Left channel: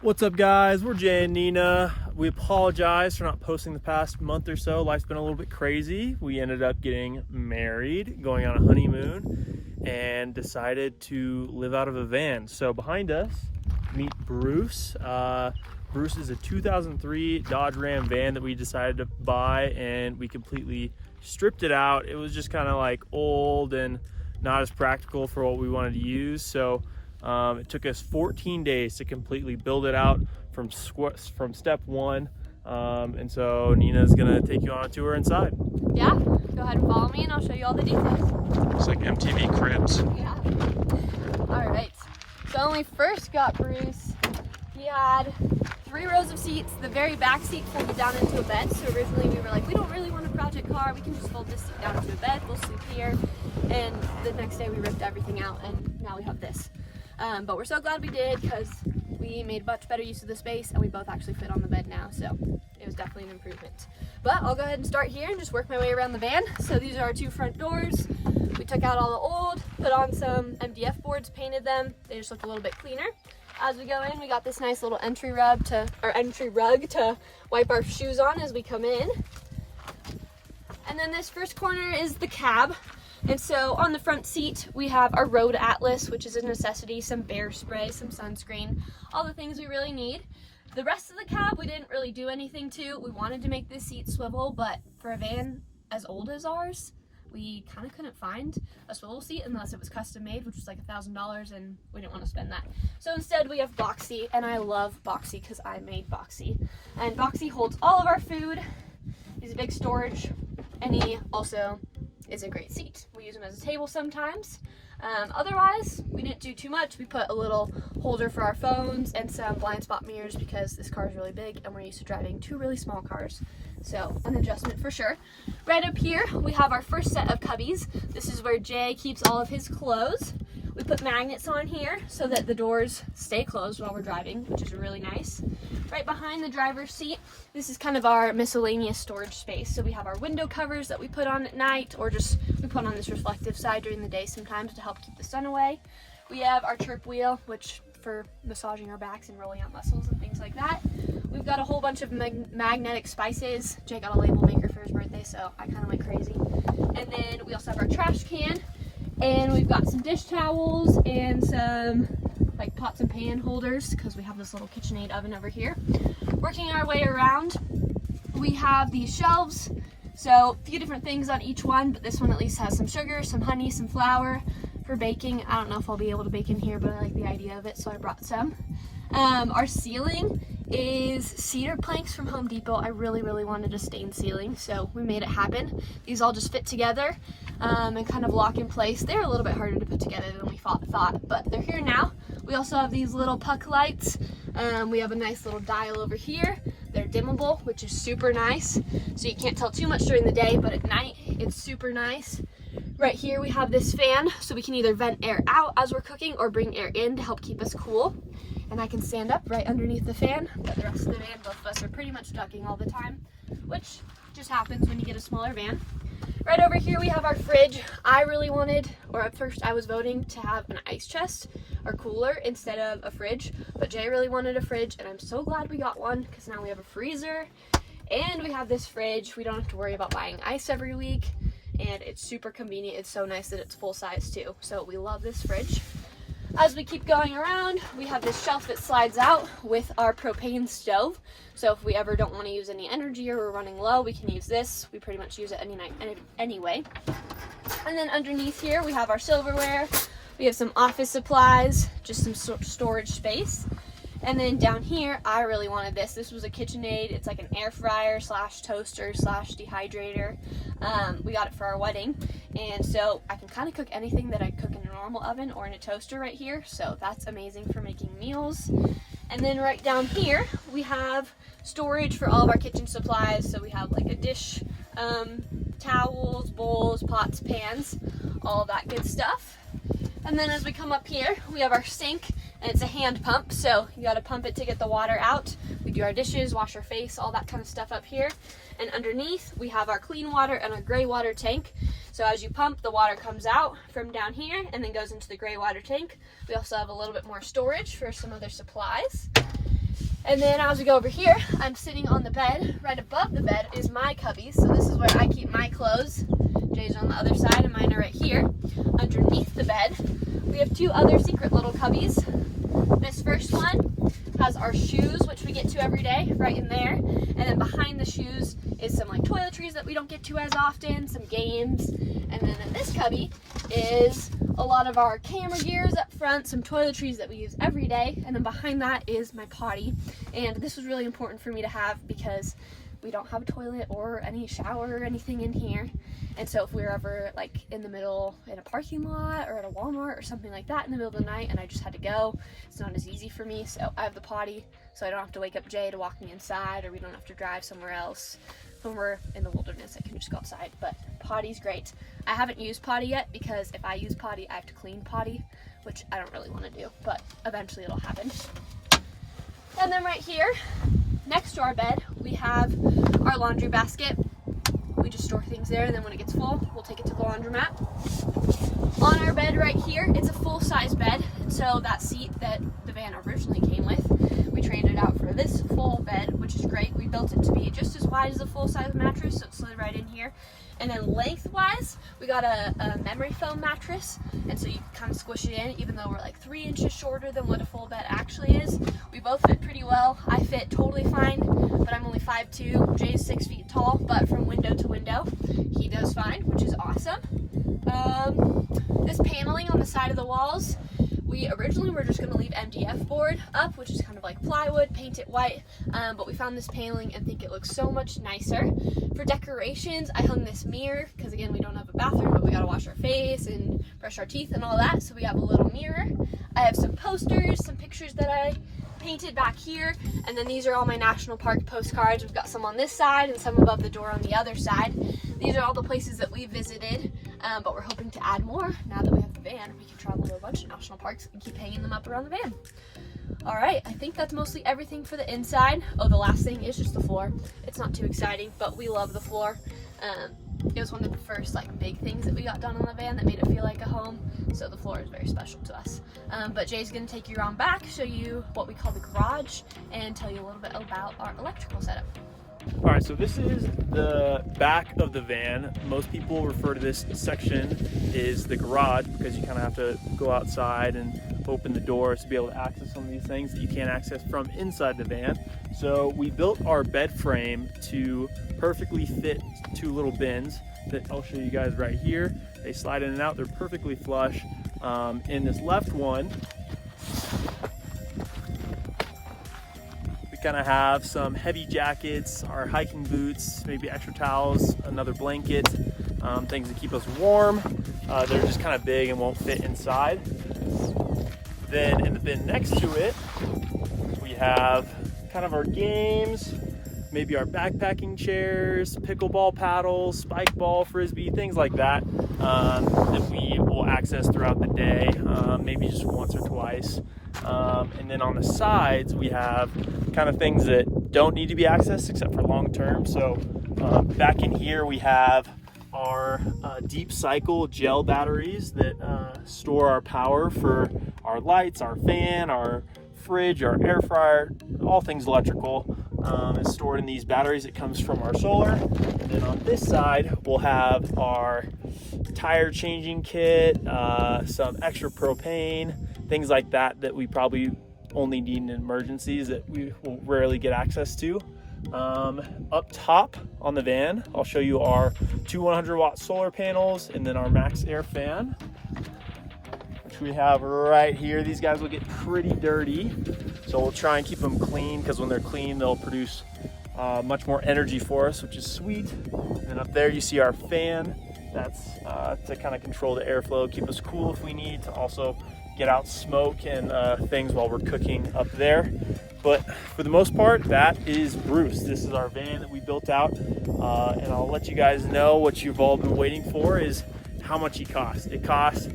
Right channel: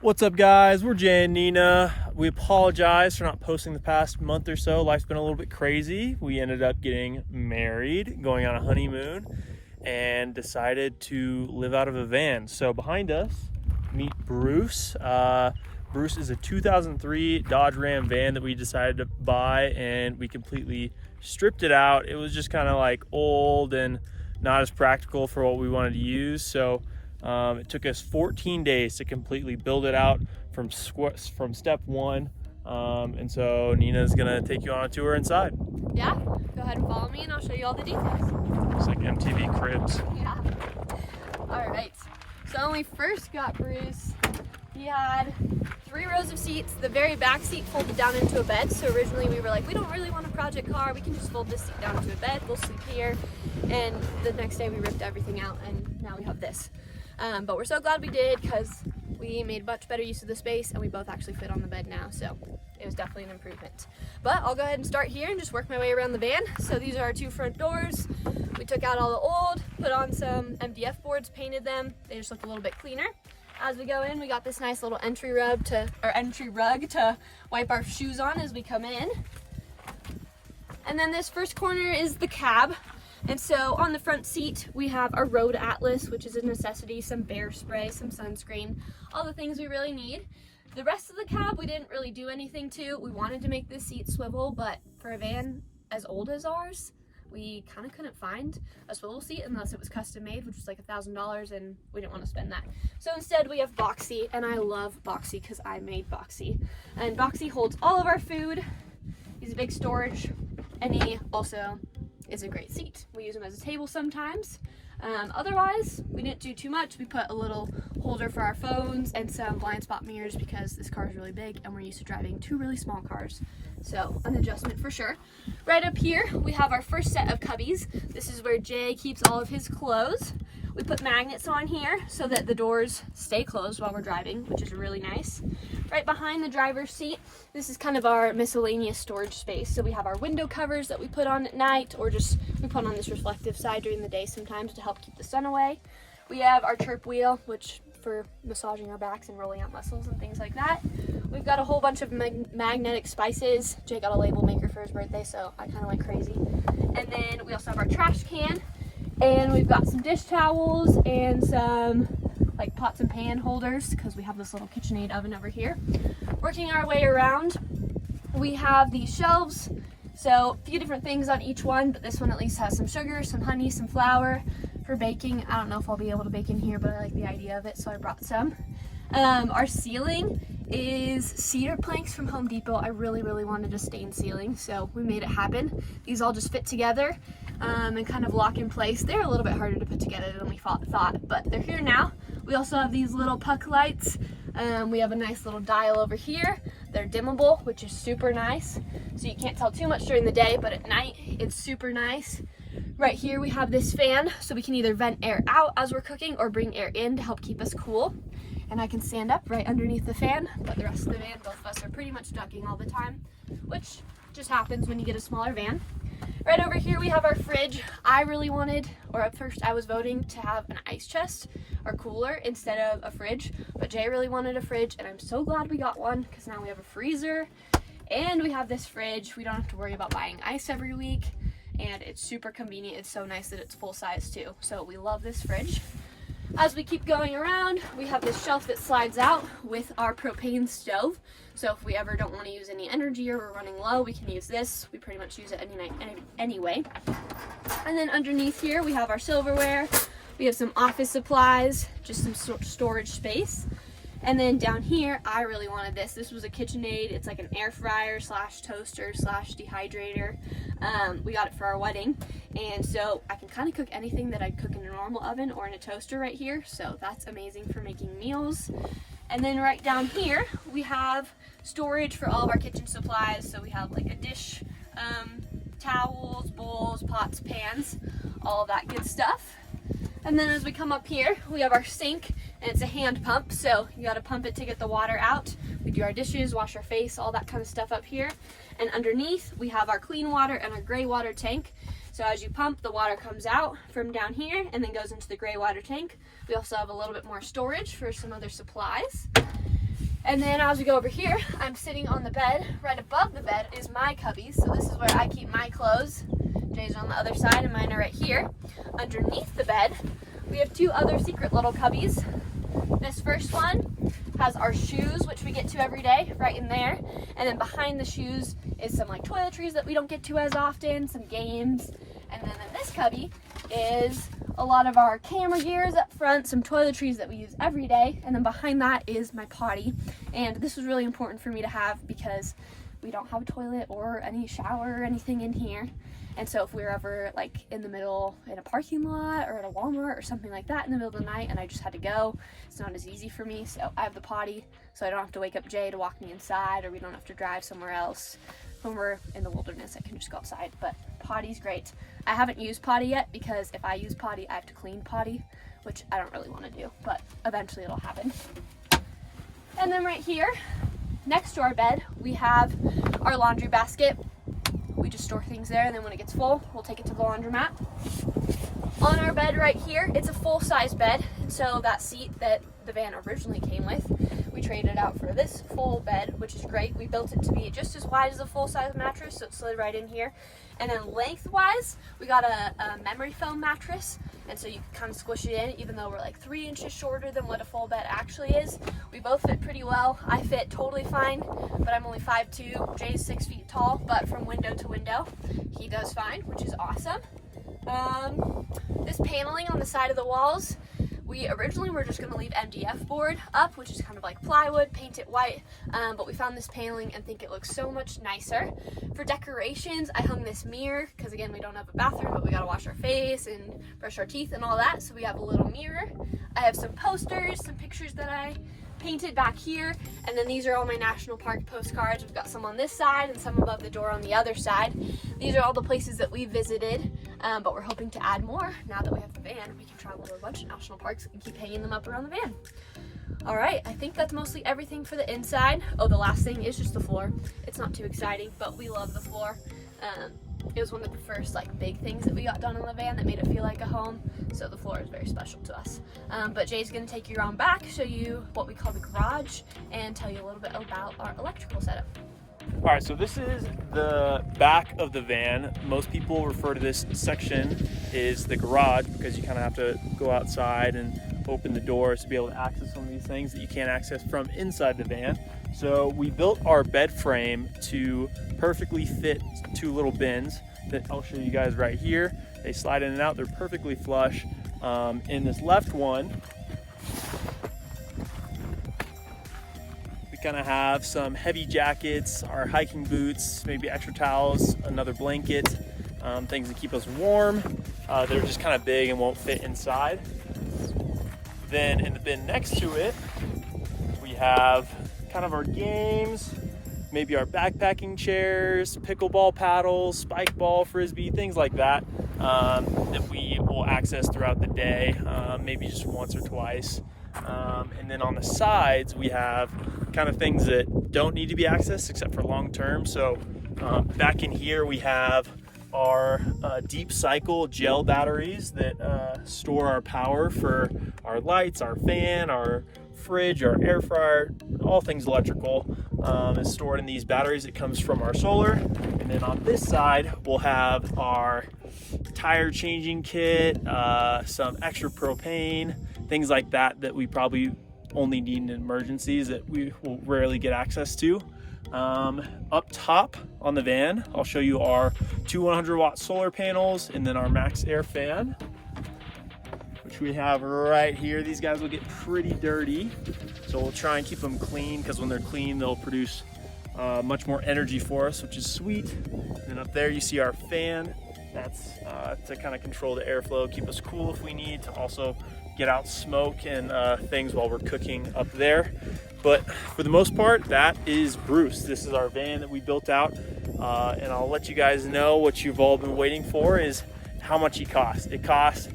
What's up, guys? We're Jay and Nina. We apologize for not posting the past month or so. Life's been a little bit crazy. We ended up getting married, going on a honeymoon, and decided to live out of a van. So behind us, meet Bruce. Bruce is a 2003 Dodge Ram van that we decided to buy, and we completely stripped it out. It was just kind of like old and not as practical for what we wanted to use. So it took us 14 days to completely build it out from step one. And so Nina's gonna take you on a tour inside. Yeah, go ahead and follow me and I'll show you all the details. It's like MTV Cribs. Yeah. All right, so when we first got Bruce, he had 3 rows of seats. The very back seat folded down into a bed. So originally we were like, we don't really want a project car. We can just fold this seat down into a bed. We'll sleep here. And the next day we ripped everything out and now we have this. But we're so glad we did because we made much better use of the space and we both actually fit on the bed now. So it was definitely an improvement. But I'll go ahead and start here and just work my way around the van. So these are our 2 front doors. We took out all the old, put on some MDF boards, painted them. They just look a little bit cleaner. As we go in, we got this nice little entry rug to wipe our shoes on as we come in. And then this first corner is the cab. And so on the front seat, we have our Road Atlas, which is a necessity, some bear spray, some sunscreen, all the things we really need. The rest of the cab, we didn't really do anything to. We wanted to make this seat swivel, but for a van as old as ours, we kind of couldn't find a swivel seat unless it was custom made, which was like $1,000, and we didn't want to spend that. So instead we have Boxy, and I love Boxy because I made Boxy. And Boxy holds all of our food. He's a big storage, and he also is a great seat. We use him as a table sometimes. Otherwise, we didn't do too much. We put a little holder for our phones and some blind spot mirrors because this car is really big and we're used to driving 2 really small cars. So an adjustment for sure. Right up here, we have our first set of cubbies. This is where Jay keeps all of his clothes. We put magnets on here so that the doors stay closed while we're driving, which is really nice. Right behind the driver's seat, this is kind of our miscellaneous storage space. So we have our window covers that we put on at night, or just we put on this reflective side during the day sometimes to help keep the sun away. We have our chirp wheel, which for massaging our backs and rolling out muscles and things like that. We've got a whole bunch of magnetic spices. Jay got a label maker for his birthday, so I kind of went crazy. And then we also have our trash can. And we've got some dish towels and some like pots and pan holders because we have this little KitchenAid oven over here. Working our way around, we have these shelves. So a few different things on each one, but this one at least has some sugar, some honey, some flour for baking. I don't know if I'll be able to bake in here, but I like the idea of it, so I brought some. Our ceiling is cedar planks from Home Depot. I really wanted a stained ceiling, so we made it happen. These all just fit together and kind of lock in place. They're a little bit harder to put together than we thought, but they're here now. We also have these little puck lights. We have a nice little dial over here. They're dimmable, which is super nice. So you can't tell too much during the day, but at night it's super nice. Right here we have this fan, so we can either vent air out as we're cooking or bring air in to help keep us cool. And I can stand up right underneath the fan, but the rest of the van, both of us are pretty much ducking all the time, which just happens when you get a smaller van. Right over here we have our fridge. I really wanted, or at first I was voting to have an ice chest or cooler instead of a fridge, but Jay really wanted a fridge, and I'm so glad we got one because now we have a freezer and we have this fridge. We don't have to worry about buying ice every week, and it's super convenient. It's so nice that it's full size too, so we love this fridge. As we keep going around, we have this shelf that slides out with our propane stove. So if we ever don't want to use any energy or we're running low, we can use this. We pretty much use it any night anyway. And then underneath here, we have our silverware. We have some office supplies, just some storage space. And then down here, I really wanted this. This was a KitchenAid. It's like an air fryer slash toaster slash dehydrator. We got it for our wedding. And so I can kind of cook anything that I'd cook in a normal oven or in a toaster right here. So that's amazing for making meals. And then right down here, we have storage for all of our kitchen supplies. So we have like a dish, towels, bowls, pots, pans, all of that good stuff. And then as we come up here, we have our sink, and it's a hand pump, so you gotta pump it to get the water out. We do our dishes, wash our face, all that kind of stuff up here. And underneath, we have our clean water and our gray water tank. So as you pump, the water comes out from down here and then goes into the gray water tank. We also have a little bit more storage for some other supplies. And then as we go over here, I'm sitting on the bed. Right above the bed is my cubby. So this is where I keep my clothes. Jay's on the other side and mine are right here. Underneath the bed, we have two other secret little cubbies. This first one has our shoes, which we get to every day, right in there. And then behind the shoes is some like toiletries that we don't get to as often, some games. And then in this cubby is a lot of our camera gears up front, some toiletries that we use every day. And then behind that is my potty. And this was really important for me to have because we don't have a toilet or any shower or anything in here. And so if we were ever like in the middle in a parking lot or at a Walmart or something like that in the middle of the night and I just had to go, it's not as easy for me. So I have the potty so I don't have to wake up Jay to walk me inside, or we don't have to drive somewhere else. When we're in the wilderness, I can just go outside, but potty's great. I haven't used potty yet because if I use potty, I have to clean potty, which I don't really want to do, but eventually it'll happen. And then right here, next to our bed, we have our laundry basket. We just store things there, and then when it gets full, we'll take it to the laundromat. On our bed right here, it's a full-size bed, so that seat that the van originally came with, we traded out for this full bed, which is great. We built it to be just as wide as a full-size mattress, so it slid right in here. And then lengthwise, we got a memory foam mattress, and so you can kind of squish it in, even though we're like 3 inches shorter than what a full bed actually is. We both fit pretty well. I fit totally fine, but I'm only 5'2". Jay's 6 feet tall, but from window to window, he does fine, which is awesome. This paneling on the side of the walls, we originally were just going to leave MDF board up, which is kind of like plywood, paint it white, but we found this paneling and think it looks so much nicer. For decorations, I hung this mirror, because again, we don't have a bathroom, but we got to wash our face and brush our teeth and all that, so we have a little mirror. I have some posters, some pictures that I painted back here, and then these are all my national park postcards. We've got some on this side and some above the door on the other side. These are all the places that we visited, but we're hoping to add more. Now that we have the van, we can travel to a bunch of national parks and keep hanging them up around the van. All right, I think that's mostly everything for the inside. Oh, the last thing is just the floor. It's not too exciting, but we love the floor. It was one of the first like big things that we got done in the van that made it feel like a home, so the floor is very special to us. But Jay's gonna take you around back, show you what we call the garage, and tell you a little bit about our electrical setup. All right, so this is the back of the van. Most people refer to this section as the garage because you kind of have to go outside and open the doors to be able to access some of these things that you can't access from inside the van. So we built our bed frame to perfectly fit 2 little bins that I'll show you guys right here. They slide in and out, they're perfectly flush. In this left one, we kind of have some heavy jackets, our hiking boots, maybe extra towels, another blanket, things that keep us warm. They're just kind of big and won't fit inside. Then in the bin next to it, we have kind of our games, maybe our backpacking chairs, pickleball paddles, spike ball, frisbee, things like that, that we will access throughout the day, maybe just once or twice. And then on the sides, we have kind of things that don't need to be accessed except for long term. So back in here, we have our deep cycle gel batteries that store our power for our lights, our fan, our fridge, our air fryer, all things electrical is stored in these batteries. It comes from our solar. And then on this side, we'll have our tire changing kit, some extra propane, things like that that we probably only need in emergencies that we will rarely get access to. Up top on the van, I'll show you our 2 100-watt solar panels and then our max air fan, which we have right here. These guys will get pretty dirty, so we'll try and keep them clean because when they're clean, they'll produce much more energy for us, which is sweet. And then up there, you see our fan. That's to kind of control the airflow, keep us cool if we need to also get out smoke and things while we're cooking up there. But for the most part, that is Bruce. This is our van that we built out, and I'll let you guys know what you've all been waiting for is how much he costs. It costs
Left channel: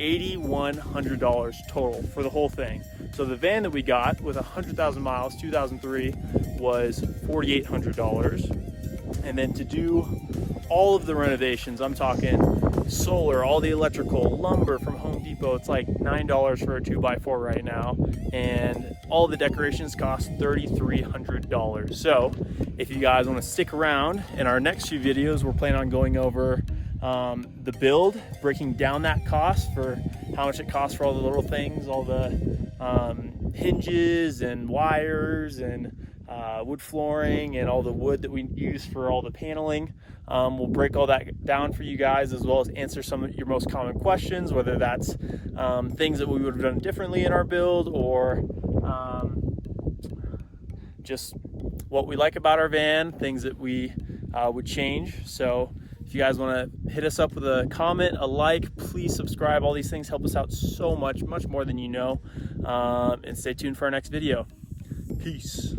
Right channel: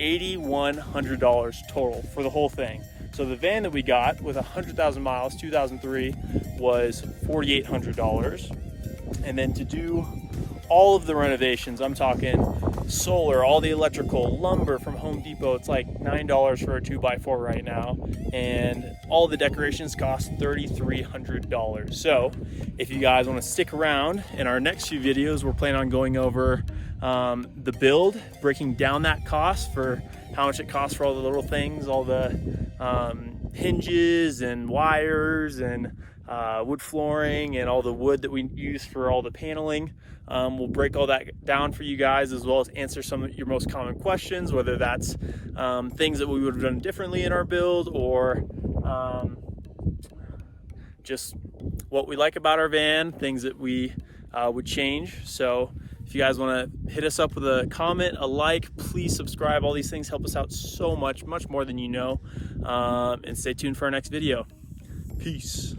$8,100 total for the whole thing. So the van that we got with 100,000 miles, 2003, was $4,800. And then to do all of the renovations, I'm talking solar, all the electrical, lumber from Home Depot. It's like $9 for a 2x4 right now, and all the decorations cost $3,300. So if you guys want to stick around, in our next few videos we're planning on going over the build, breaking down that cost for how much it costs for all the little things, all the hinges and wires and wood flooring and all the wood that we use for all the paneling. We'll break all that down for you guys, as well as answer some of your most common questions, whether that's things that we would have done differently in our build, or just what we like about our van, things that we would change. So if you guys want to hit us up with a comment, a like, please subscribe. All these things help us out so much, much more than you know. And stay tuned for our next video. Peace.